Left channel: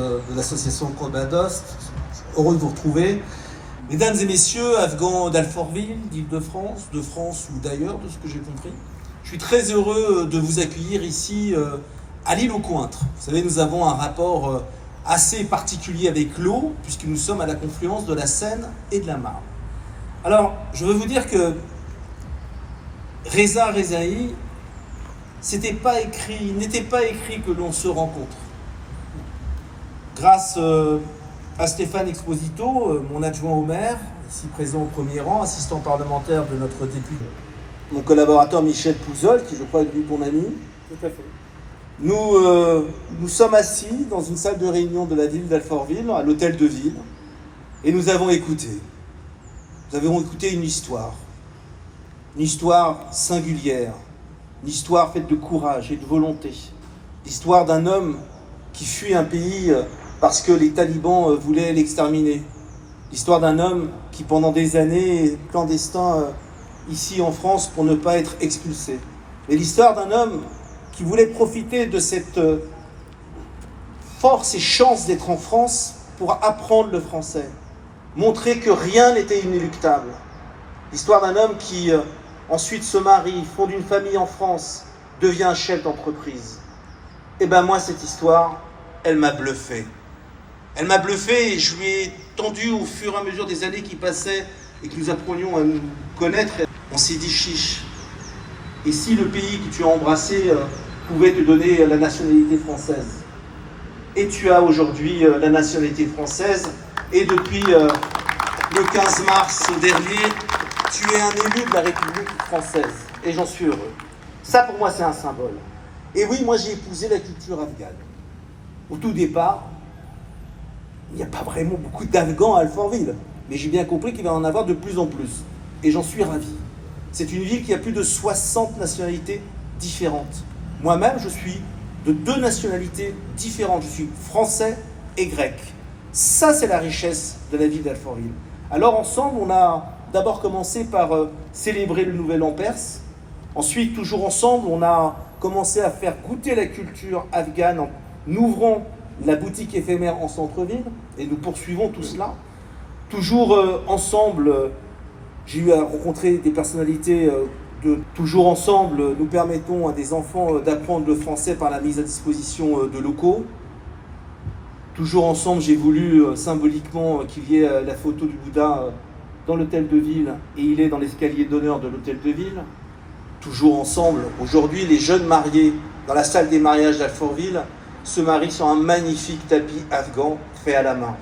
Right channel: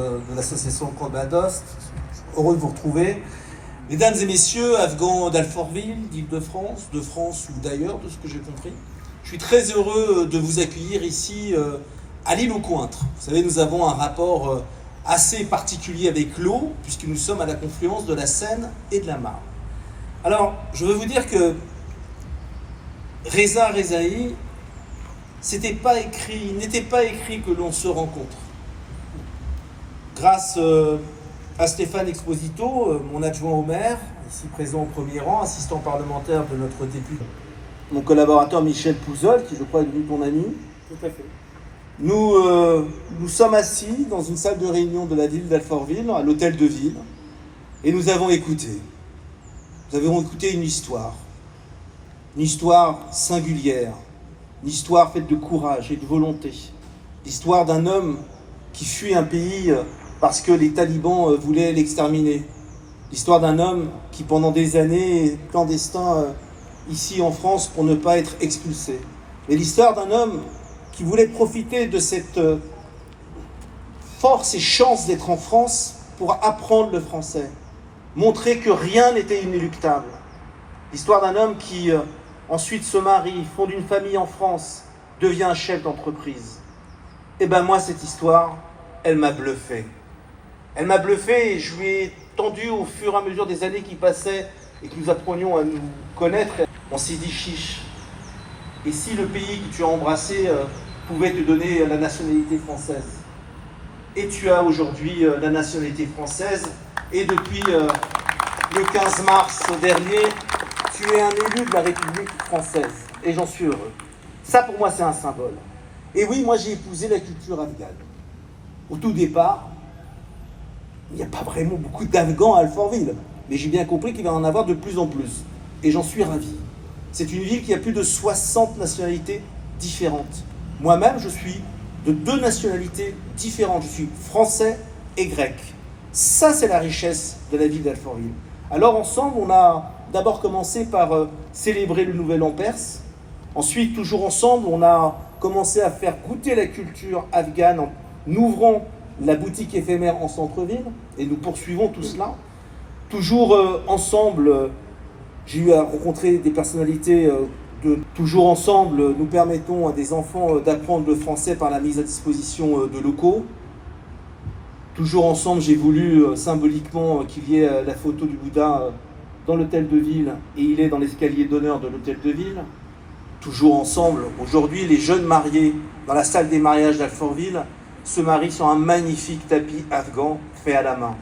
De l'association Cobadost, heureux de vous retrouver. Mesdames et messieurs, Afghans d'Alfortville, d'Île-de-France, de France ou d'ailleurs, de ce que j'ai compris, je suis très heureux de vous accueillir ici à l'île aux Cointres. Vous savez, nous avons un rapport assez particulier avec l'eau, puisque nous sommes à la confluence de la Seine et de la Marne. Alors, je veux vous dire que Reza Rezaï, n'était pas écrit que l'on se rencontre. Grâce à Stéphane Exposito, mon adjoint au maire, ici présent au premier rang, assistant parlementaire de notre député, mon collaborateur Michel Pouzol, qui je crois est lui ton ami. Tout à fait. Nous sommes assis dans une salle de réunion de la ville d'Alfortville, à l'hôtel de ville, et nous avons écouté. Nous avons écouté une histoire singulière, une histoire faite de courage et de volonté, l'histoire d'un homme qui fuit un pays parce que les talibans voulaient l'exterminer. L'histoire d'un homme qui, pendant des années, est clandestin ici en France pour ne pas être expulsé. Et l'histoire d'un homme qui voulait profiter de cette force et chance d'être en France pour apprendre le français, montrer que rien n'était inéluctable. L'histoire d'un homme qui ensuite se marie, fonde une famille en France, devient chef d'entreprise. Et ben moi, cette histoire, elle m'a bluffé. Elle m'a bluffé et je lui ai tendu au fur et à mesure des années qui passaient et que nous apprenions à nous connaître. On s'est dit chiche. Et si le pays que tu as embrassé pouvait te donner la nationalité française? Et tu as aujourd'hui la nationalité française. Et depuis le 15 mars dernier, tu es un élu de la République française. Et j'en suis heureux. Ça, pour moi, c'est un symbole. Et oui, moi, j'ai épousé la culture afghane. Au tout départ, il n'y a pas vraiment beaucoup d'Afghans à Alfortville. Mais j'ai bien compris qu'il va en avoir de plus en plus. Et j'en suis ravi. C'est une ville qui a plus de 60 nationalités différentes. Moi-même, je suis de 2 nationalités différentes. Je suis français et grec. Ça, c'est la richesse de la ville d'Alfortville. Alors, ensemble, on a d'abord commencé par célébrer le Nouvel An perse. Ensuite, toujours ensemble, on a commencé à faire goûter la culture afghane en ouvrant la boutique éphémère en centre-ville, et nous poursuivons tout cela. Toujours ensemble, j'ai eu à rencontrer des personnalités toujours ensemble, nous permettons à des enfants d'apprendre le français par la mise à disposition de locaux. Toujours ensemble, j'ai voulu symboliquement qu'il y ait la photo du Bouddha dans l'hôtel de ville, et il est dans l'escalier d'honneur de l'hôtel de ville. Toujours ensemble, aujourd'hui, les jeunes mariés dans la salle des mariages d'Alfortville se marient sur un magnifique tapis afghan fait à la main.